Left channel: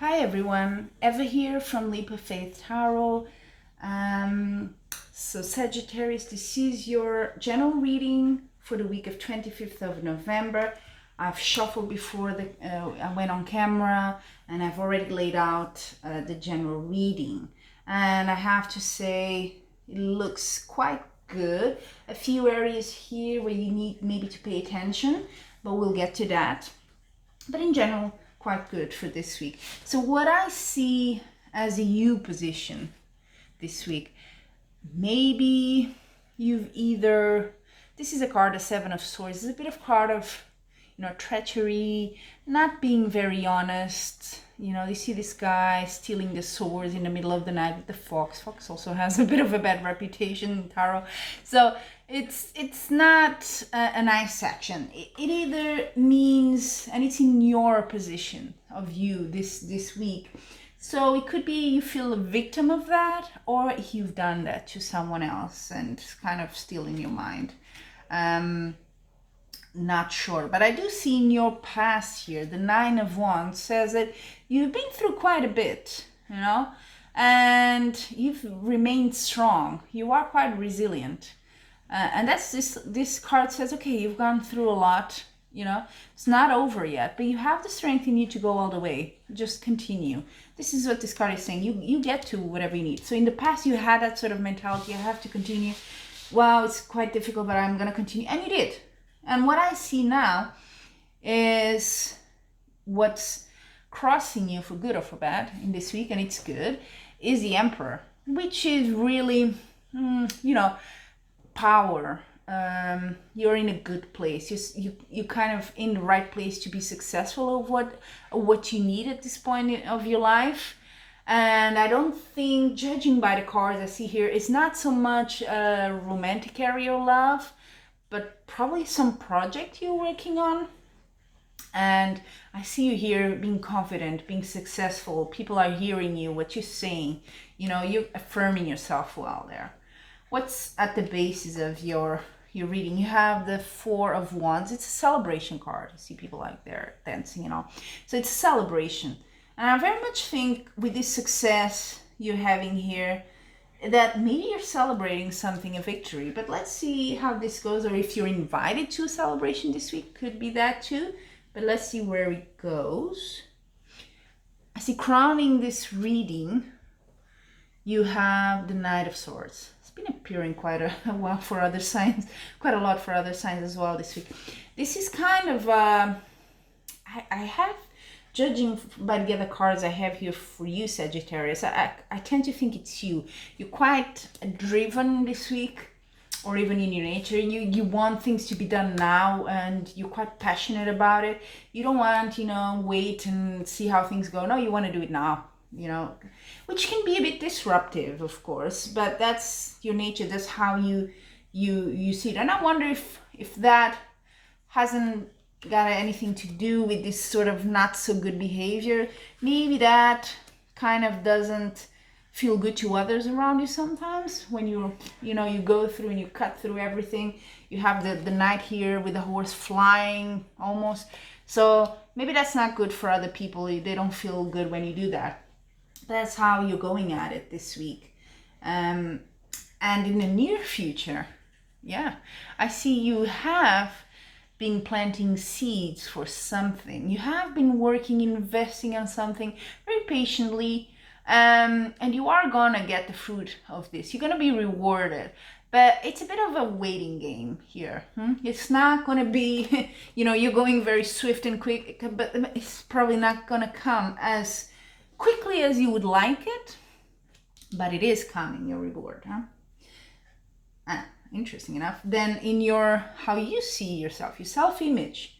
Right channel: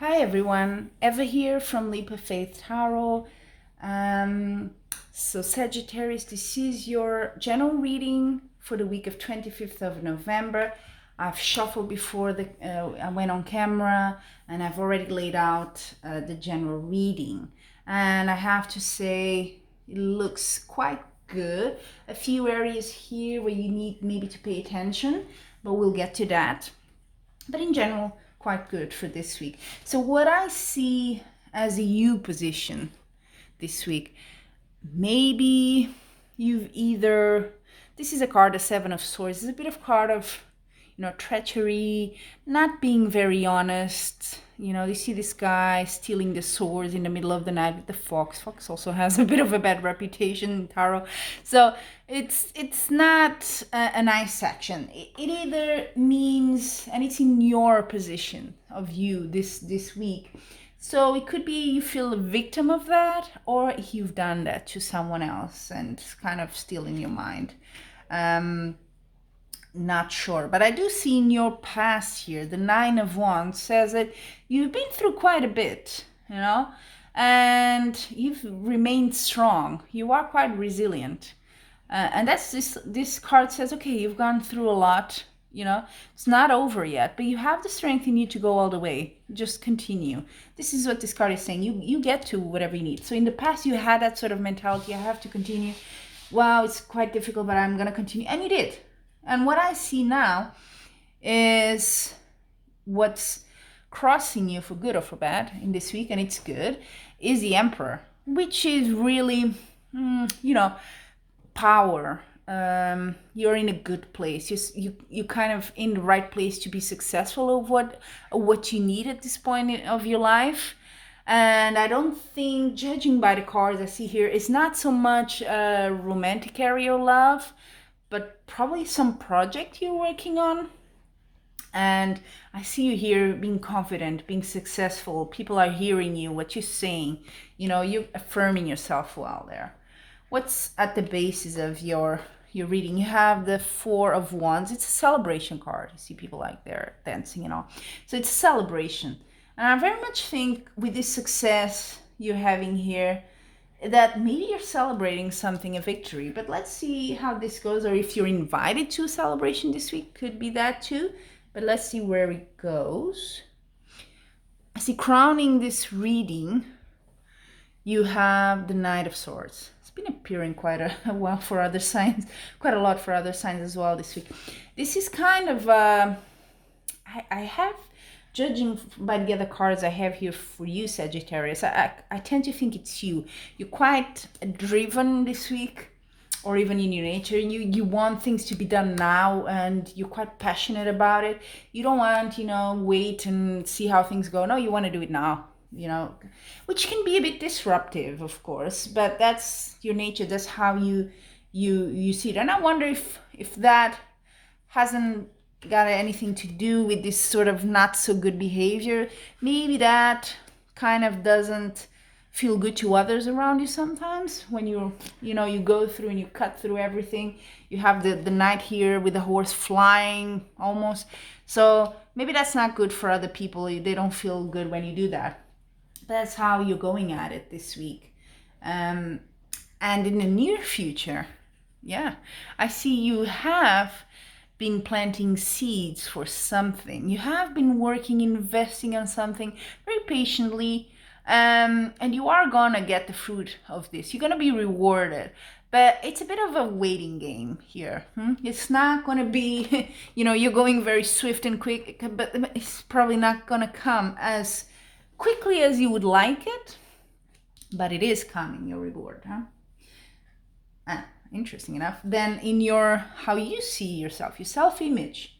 Hi everyone, Eva here from Leap of Faith Tarot. So Saggitarius, this is your general reading for the week of 25th of November. I've shuffled before I went on camera, and I've already laid out the general reading. And I have to say, it looks quite good. A few areas here where you need maybe to pay attention, but we'll get to that. But in general, quite good for this week. So what I see as a you position this week, maybe you've either, this is a card, the Seven of Swords. It's a bit of card of, treachery, not being very honest. You see this guy stealing the swords in the middle of the night with the fox. Fox also has a bit of a bad reputation in tarot. So it's not a nice action. It either means, and it's in your position of you this week. So it could be you feel a victim of that, or you've done that to someone else and kind of still in your mind. Not sure, but I do see in your past here, the Nine of Wands says that you've been through quite a bit, and you've remained strong. You are quite resilient. And that's this card says, okay, you've gone through a lot, it's not over yet, but you have the strength in you to go all the way. Just continue. This is what this card is saying. You get to whatever you need. So in the past, you had that sort of mentality, I have to continue. Wow, it's quite difficult, but I'm going to continue. And you did. And what I see now is what's crossing you for good or for bad in this week, and it's good, is the Emperor, which is really, power. You're in a good place. You kind of in the right place to be successful of what you need at this point of your life. And I don't think, judging by the cards I see here, it's not so much a romantic area of love, but probably some project you're working on. And I see you here being confident, being successful. People are hearing you, what you're saying. You're affirming yourself well there. What's at the basis of your reading? You have the Four of Wands. It's a celebration card. You see people like they're dancing, So it's a celebration. And I very much think with this success you're having here, that maybe you're celebrating something, a victory. But let's see how this goes, or if you're invited to a celebration this week, could be that too. But let's see where it goes. I see crowning this reading, you have the Knight of Swords. It's been appearing quite a while for other signs, quite a lot for other signs as well this week. This is kind of, I have, judging by the other cards I have here for you, Sagittarius, I tend to think it's you. You're quite driven this week, or even in your nature. You want things to be done now, and you're quite passionate about it. You don't want, wait and see how things go. No, you want to do it now, which can be a bit disruptive, of course, but that's your nature. That's how you see it. And I wonder if that hasn't got anything to do with this sort of not so good behavior. Maybe that kind of doesn't feel good to others around you sometimes when you go through and you cut through everything. You have the knight here with the horse flying almost. So maybe that's not good for other people. They don't feel good when you do that. That's how you're going at it this week. And in the near future, I see you have been planting seeds for something. You have been working, investing on something very patiently, and you are gonna get the fruit of this. You're gonna be rewarded, but it's a bit of a waiting game here. It's not gonna be, you're going very swift and quick, but it's probably not gonna come as quickly as you would like it, but it is coming, your reward. Interesting enough. Then in how you see yourself, your self-image,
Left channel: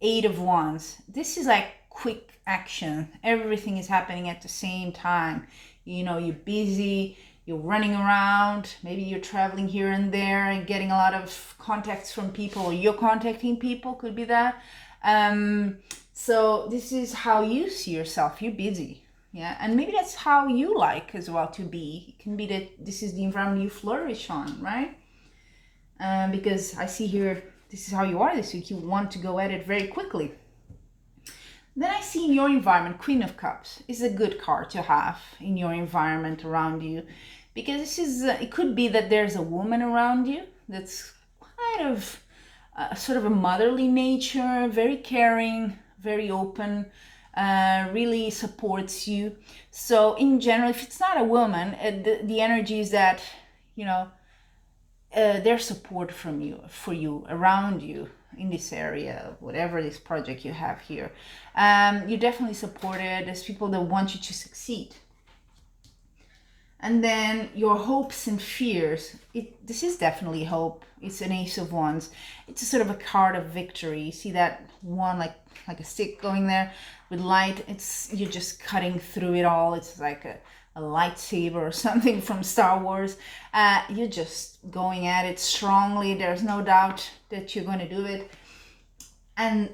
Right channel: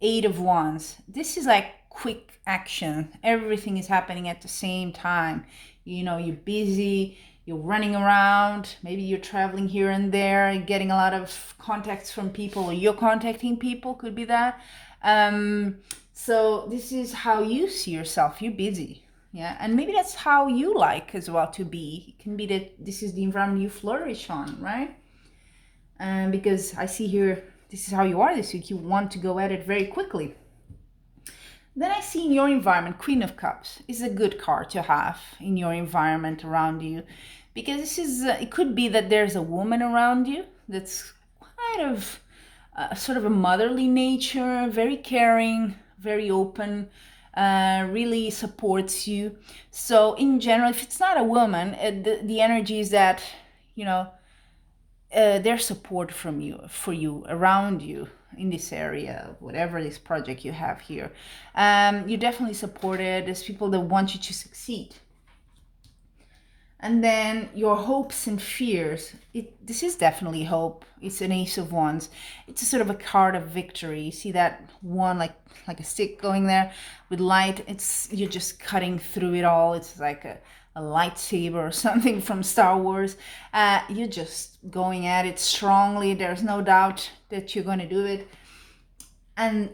Eight of Wands. This is like quick action. Everything is happening at the same time. You're busy, you're running around, maybe you're traveling here and there and getting a lot of contacts from people, or you're contacting people, could be that. So this is how you see yourself. You're busy. Yeah, and maybe that's how you like as well to be. It can be that this is the environment you flourish on, right? Because I see here, this is how you are this week. You want to go at it very quickly. Then I see in your environment, Queen of Cups is a good card to have in your environment around you, because this is it could be that there's a woman around you that's kind of sort of a motherly nature, very caring, very open, really supports you. So in general, if it's not a woman, the energy is that, you know, there's support from you, for you, around you in this area, whatever this project you have here. You're definitely supported. There's people that want you to succeed. And then your hopes and fears. This is definitely hope. It's an Ace of Wands. It's a sort of a card of victory. You see that one, like a stick going there with light. You're just cutting through it all. It's like a lightsaber or something from Star Wars. You're just going at it strongly. There's no doubt that you're going to do it. And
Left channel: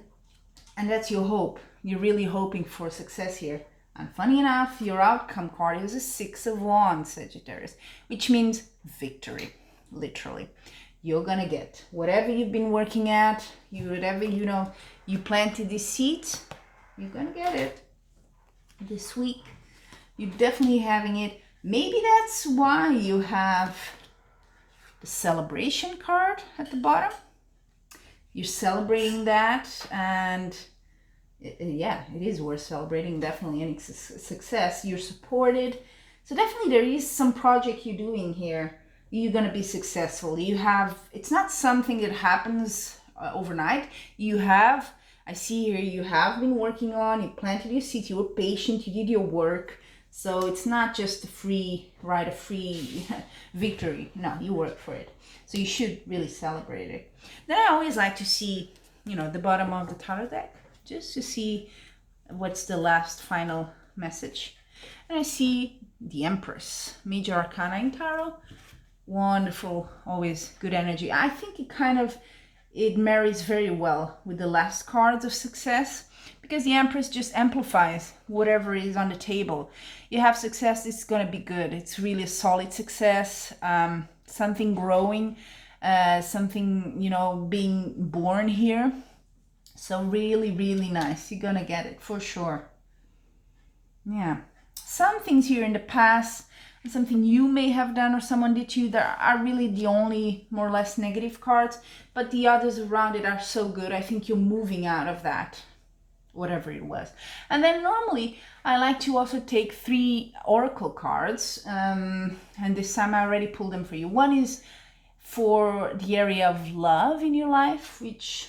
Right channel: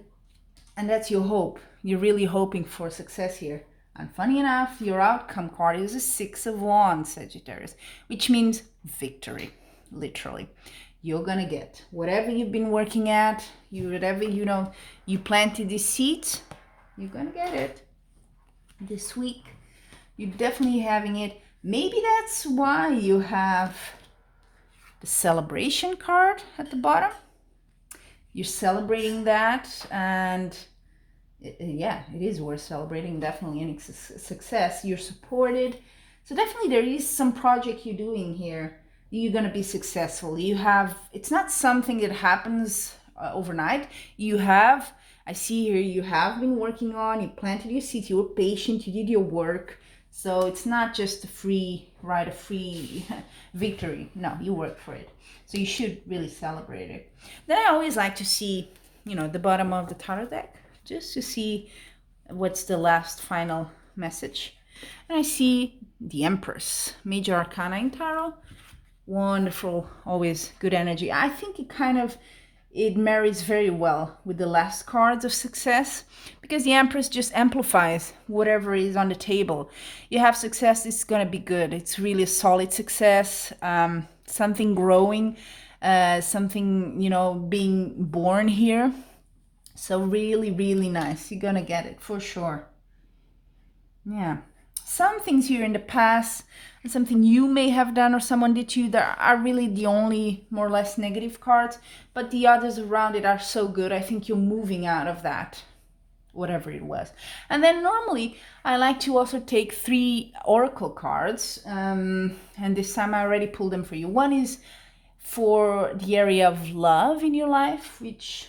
that's your hope. You're really hoping for success here. And funny enough, your outcome card is a Six of Wands, Sagittarius, which means victory, literally. You're gonna get whatever you've been working at, whatever you planted these seeds, you're gonna get it this week. You're definitely having it. Maybe that's why you have the celebration card at the bottom. You're celebrating that, and yeah, it is worth celebrating. Definitely any success. You're supported. So definitely there is some project you're doing here. You're going to be successful. It's not something that happens overnight. I see here, you have been working on, you planted your seeds, you were patient, you did your work. So it's not just a free victory. No, you work for it. So you should really celebrate it. Then I always like to see, the bottom of the tarot deck, just to see what's the last final message. And I see the Empress, Major Arcana in Tarot. Wonderful, always good energy. I think it marries very well with the last cards of success, because the Empress just amplifies whatever is on the table. You have success, it's going to be good. It's really a solid success, something growing, something, being born here. So really, really nice. You're going to get it for sure. Yeah. Some things here in the past, and something you may have done or someone did to you, that are really the only more or less negative cards, but the others around it are so good. I think you're moving out of that, whatever it was. And then normally I like to also take 3 oracle cards, and this time I already pulled them for you. One is for the area of love in your life, which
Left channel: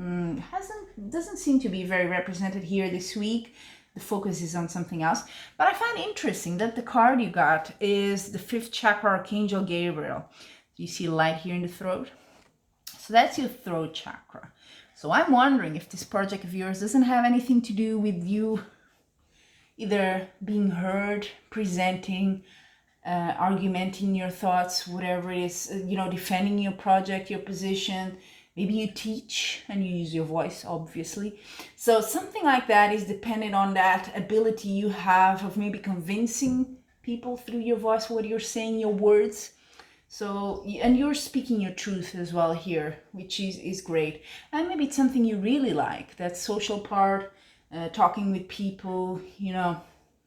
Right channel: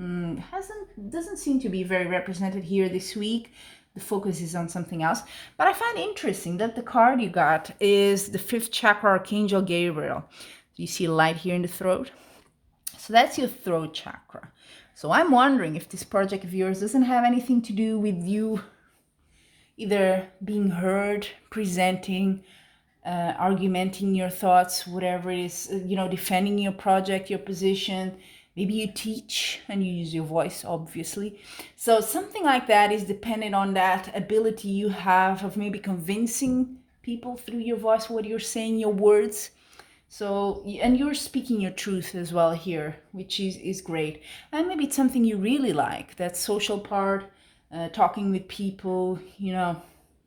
doesn't seem to be very represented here this week. The focus is on something else. But I find interesting that the card you got is the 5th chakra, Archangel Gabriel. You see light here in the throat. So that's your throat chakra. So I'm wondering if this project of yours doesn't have anything to do with you either being heard, presenting, argumenting your thoughts, whatever it is, defending your project, your position. Maybe you teach and you use your voice, obviously. So something like that is dependent on that ability you have of maybe convincing people through your voice, what you're saying, your words. So, and you're speaking your truth as well here, which is great. And maybe it's something you really like, that social part, talking with people,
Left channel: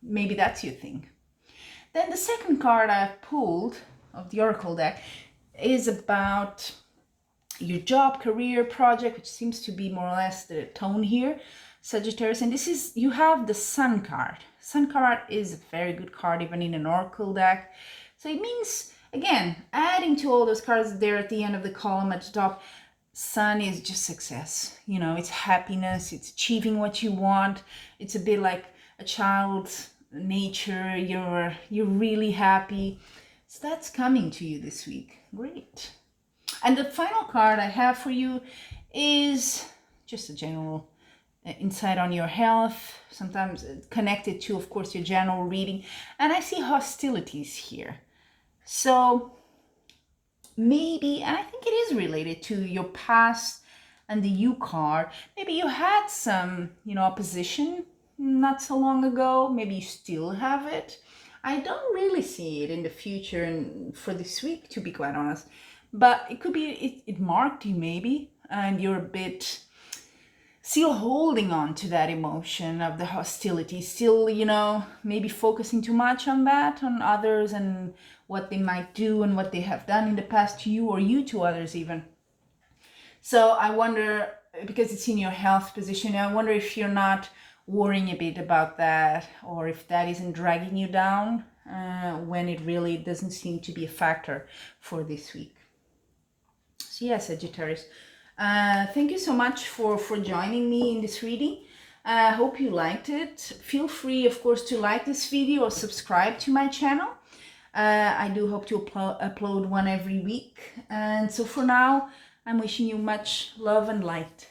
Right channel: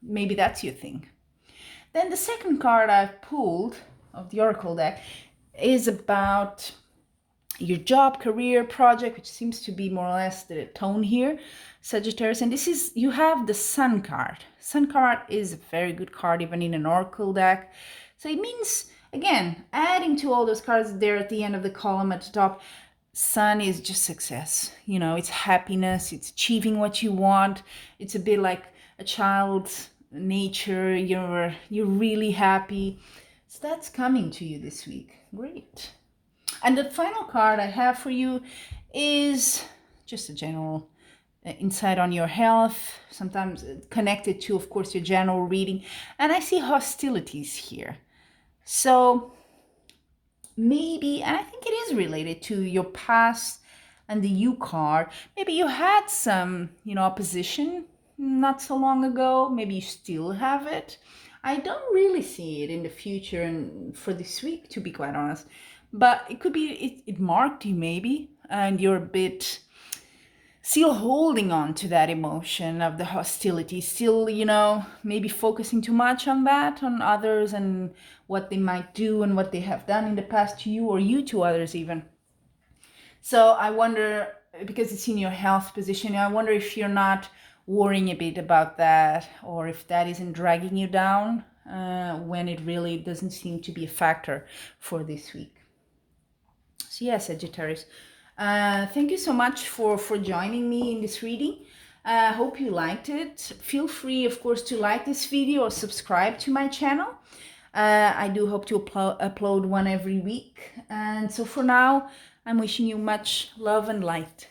maybe that's your thing. Then the second card I've pulled of the Oracle deck is about your job, career, project, which seems to be more or less the tone here, Sagittarius. And you have the Sun card. Sun card is a very good card, even in an Oracle deck. So it means, again, adding to all those cards there at the end of the column at the top, Sun is just success. It's happiness, it's achieving what you want. It's a bit like a child's nature. You're really happy. So that's coming to you this week. Great. And the final card I have for you is just a general insight on your health, sometimes connected to, of course, your general reading. And I see hostilities here. So maybe, and I think it is related to your past and the U card. Maybe you had some, opposition not so long ago. Maybe you still have it. I don't really see it in the future and for this week, to be quite honest. But it could be it marked you maybe, and you're a bit still holding on to that emotion of the hostility, still, maybe focusing too much on that, on others and what they might do and what they have done in the past to you, or you to others even. So I wonder, because it's in your health position, I wonder if you're not worrying a bit about that, or if that isn't dragging you down when it really doesn't seem to be a factor for this week. So yeah, Sagittarius, thank you so much for joining me in this reading. I hope you liked it. Feel free, of course, to like this video or subscribe to my channel. I do hope to upload one every week. And so for now, I'm wishing you much love and light.